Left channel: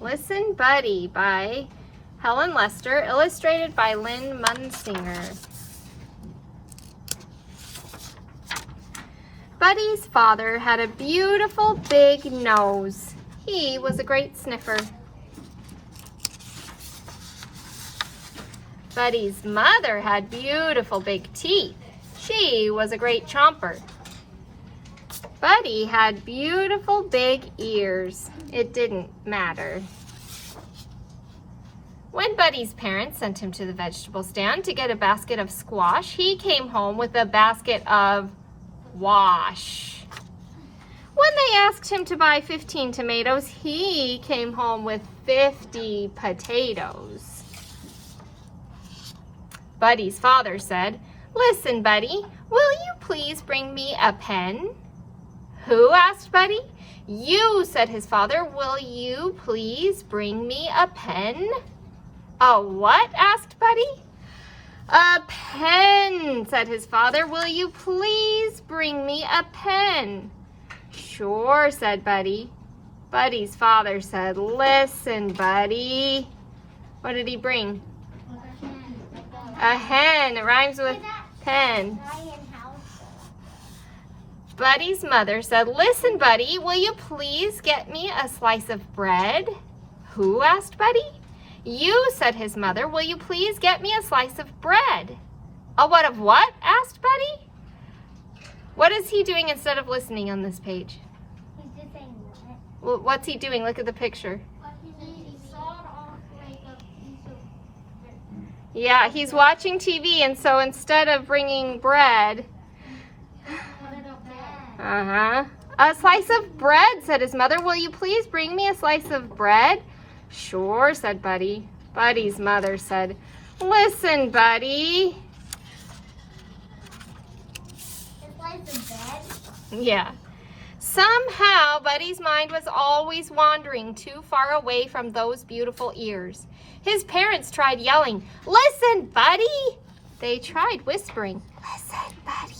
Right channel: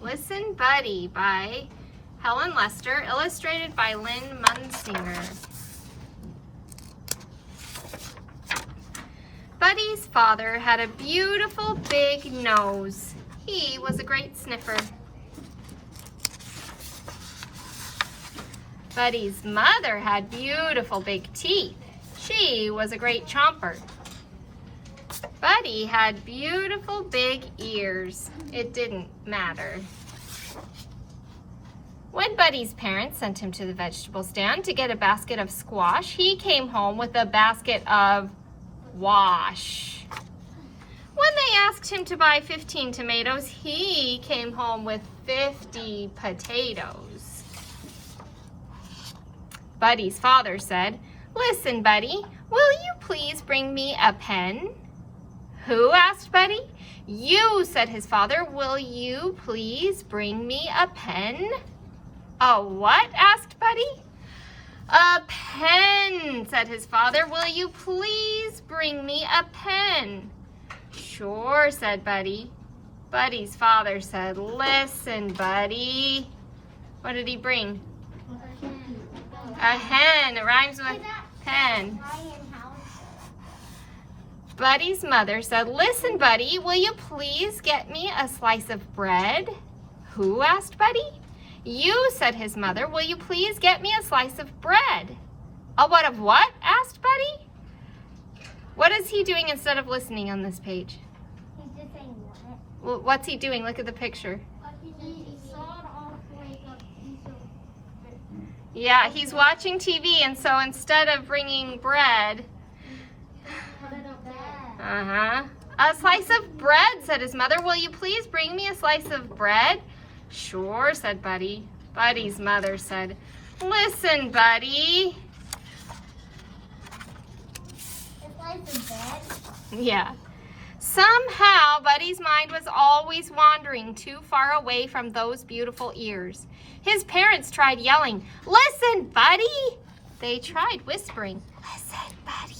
Listen, Buddy by Helen Lester, illustrated by Lynn Munsinger. Buddy's father had a beautiful big nose. He was a great sniffer. Buddy's mother had beautiful big teeth. She was a great chomper. Buddy had beautiful big ears. It didn't matter. When Buddy's parents sent him to the vegetable stand to get a basket of squash, he came home with a basket of wash. When they asked him to buy 15 tomatoes, he came home with 50 potatoes. Buddy's father said, "Listen, Buddy, will you please bring me a pen?" "Who?" asked Buddy. "You," said his father. "Will you please bring me a pen?" "A what?" asked Buddy. "A pen," said his father. "Will you please bring me a pen?" "Sure," said Buddy. Buddy's father said, "Listen, Buddy." What did he bring? A hen. It rhymes with pen. Buddy's mother said, "Listen, Buddy, will you please get me a slice of bread?" "Who?" asked Buddy. "You," said his mother. "Will you please get me a slice of bread?" "A what of what?" asked Buddy. What is he doing instead of listening on this page? He's just saying what? Well, what's he doing? Look at the picture. Yeah, he's watching TV, and so instead of bringing bread, a slice of bread, said his mother. "Will you please bring me a slice of bread?" "Sure," said Buddy. Buddy's mother said, "Listen, Buddy." A slice of bread? Yeah. Somehow, Buddy's mind was always wandering too far away from those beautiful ears. His parents tried yelling, "Listen, Buddy!" They tried whispering, "Listen, Buddy!"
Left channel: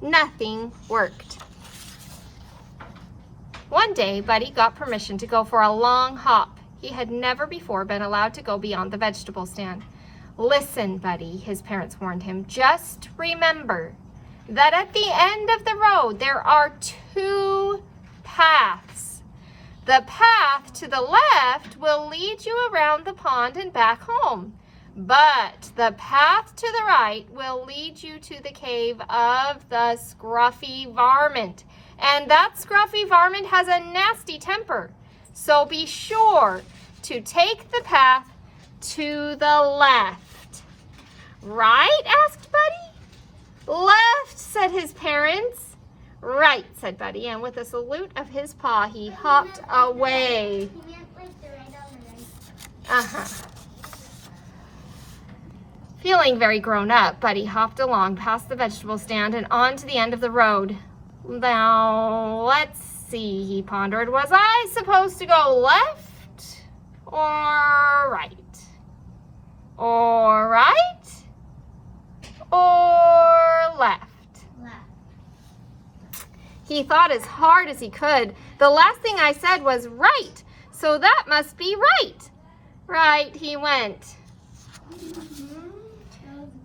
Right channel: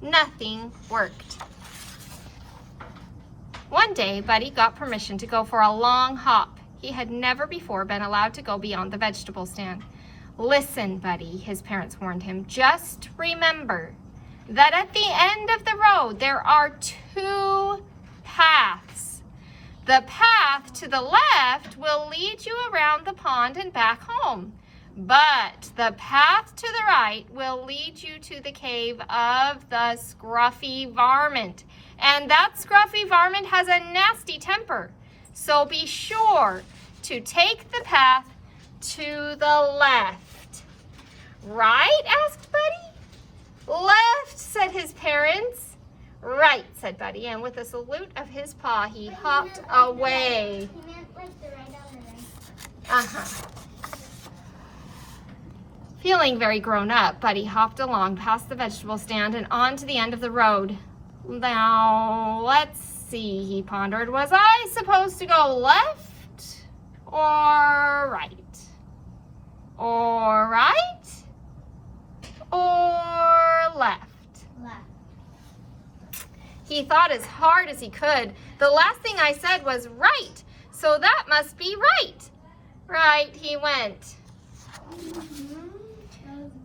Nothing worked. One day, Buddy got permission to go for a long hop. He had never before been allowed to go beyond the vegetable stand. "Listen, Buddy," his parents warned him, "just remember that at the end of the road, there are two paths. The path to the left will lead you around the pond and back home. But the path to the right will lead you to the cave of the scruffy varmint. And that scruffy varmint has a nasty temper. So be sure to take the path to the left." "Right?" asked Buddy. "Left," said his parents. "Right," said Buddy, and with a salute of his paw, he hopped away. He meant like the right on the right. Feeling very grown up, Buddy hopped along past the vegetable stand and on to the end of the road. "Now, let's see," he pondered. "Was I supposed to go left or right? Or right? Or left?" He thought as hard as he could. "The last thing I said was right, so that must be right." Right he went.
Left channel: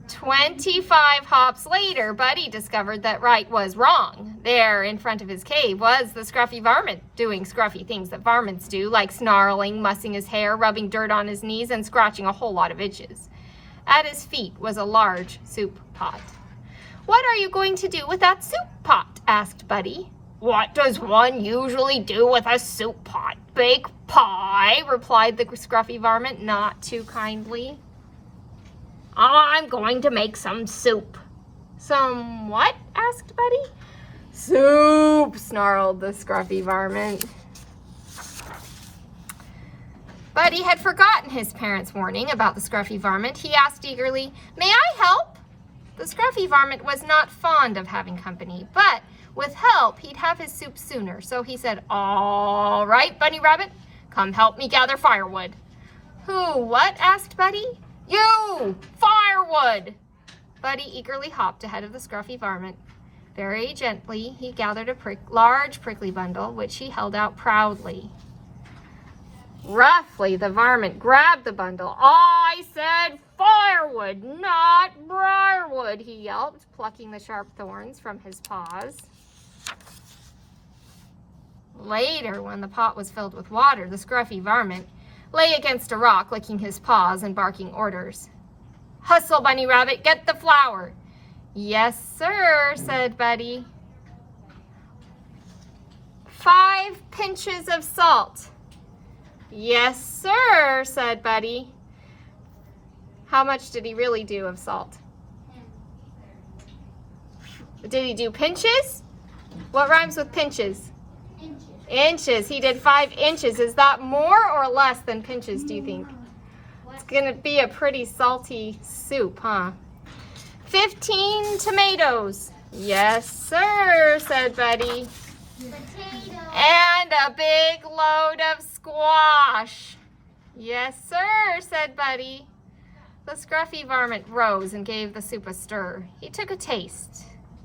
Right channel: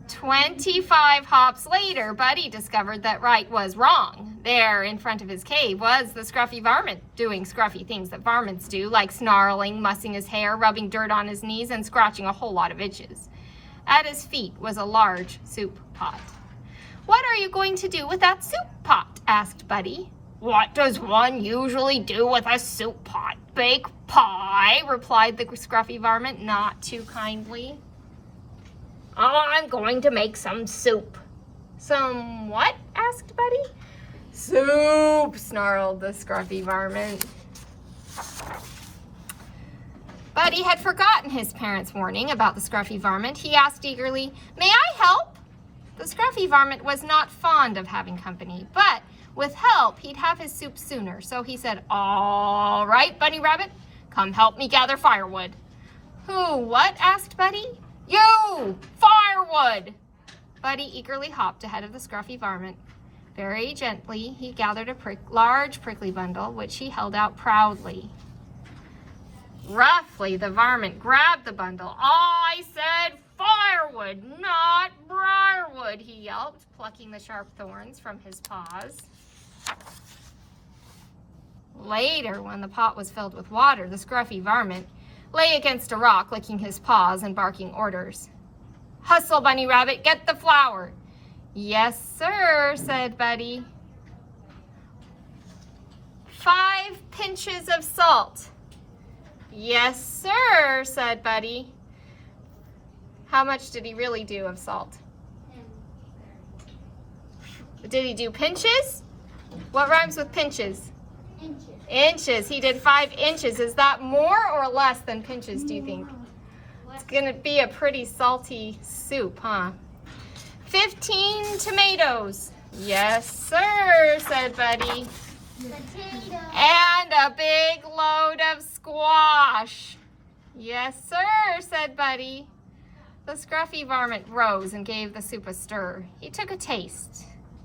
25 hops later, Buddy discovered that right was wrong. There in front of his cave was the scruffy varmint, doing scruffy things that varmints do, like snarling, mussing his hair, rubbing dirt on his knees, and scratching a whole lot of itches. At his feet was a large soup pot. "What are you going to do with that soup pot?" asked Buddy. "What does one usually do with a soup pot? Bake pie," replied the scruffy varmint, not too kindly. "I'm going to make some soup." "Some what?" asked Buddy. "Soup," snarled the scruffy varmint. Buddy had forgotten his parents' warning about the scruffy varmint. He asked eagerly, "May I help?" The scruffy varmint was not fond of having company, but with help, he'd have his soup sooner. So he said, "All right, Bunny Rabbit, come help me gather firewood." "Who, what?" asked Buddy. "You! Firewood!" Buddy eagerly hopped ahead of the scruffy varmint. Very gently, he gathered a large prickly bundle, which he held out proudly. Roughly, the varmint grabbed the bundle. I said firewood, not briarwood, he yelped, plucking the sharp thorns from his paws. Later, when the pot was filled with water, the scruffy varmint lay against a rock, licking his paws and barking orders. Hustle, Bunny Rabbit, get the flour. Yes, sir, said Buddy. 5 pinches of salt. Yes, sir, said Buddy. How much did he really do of salt? Did he do pinches? What rhymes with pinches? Inches. Inches. He did 5 inches. Is that more or less than pinches, do you think? It's going to be a pretty salty soup, huh? 15 tomatoes. Yes, sir, said Buddy. Potato. And a big load of squash. Yes, sir, said Buddy. The scruffy varmint rose and gave the soup a stir. He took a taste.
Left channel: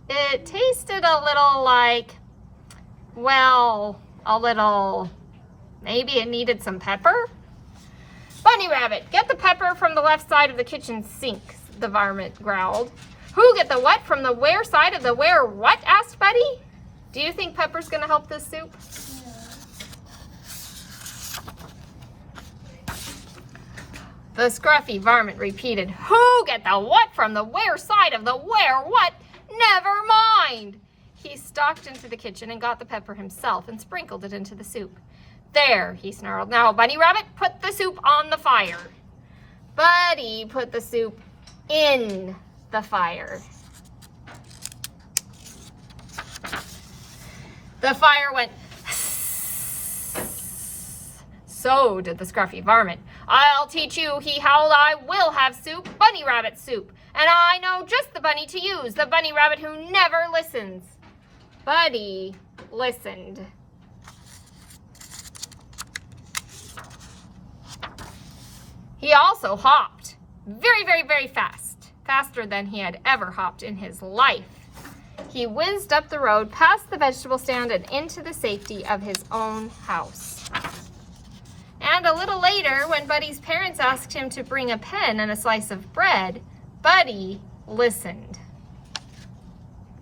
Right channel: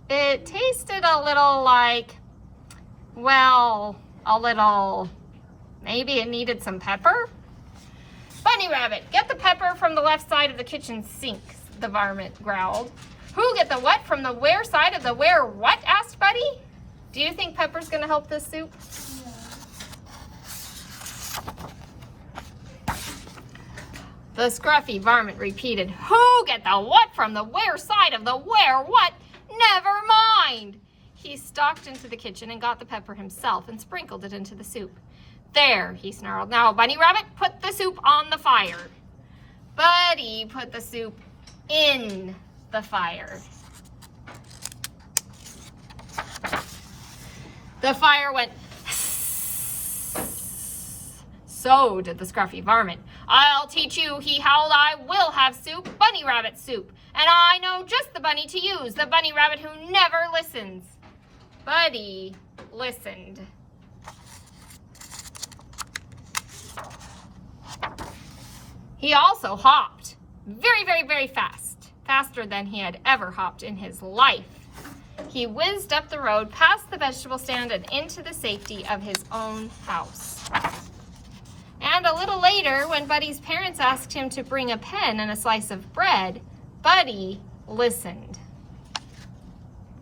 It tasted a little like, well, maybe it needed some pepper? Bunny Rabbit, get the pepper from the left side of the kitchen sink, the varmint growled. Who get the what from the where side of the where what? Asked Buddy. Do you think pepper's gonna help this soup? The scruffy varmint repeated, who get the what from the where side of the where what? Never mind. He stalked into the kitchen and got the pepper himself and sprinkled it into the soup. There, he snarled. Now, Bunny Rabbit, put the soup on the fire. Buddy put the soup in the fire. The fire went. So did the scruffy varmint. I'll teach you, he howled, I will have soup, Bunny Rabbit soup. And I know just the bunny to use, the Bunny Rabbit who never listens. Buddy listened. He also hopped very, very, very fast, faster than he had ever hopped in his life. He whizzed up the road, past the vegetable stand, and into the safety of his own house. And a little later, when Buddy's parents asked him to bring a pen and a slice of bread, Buddy listened.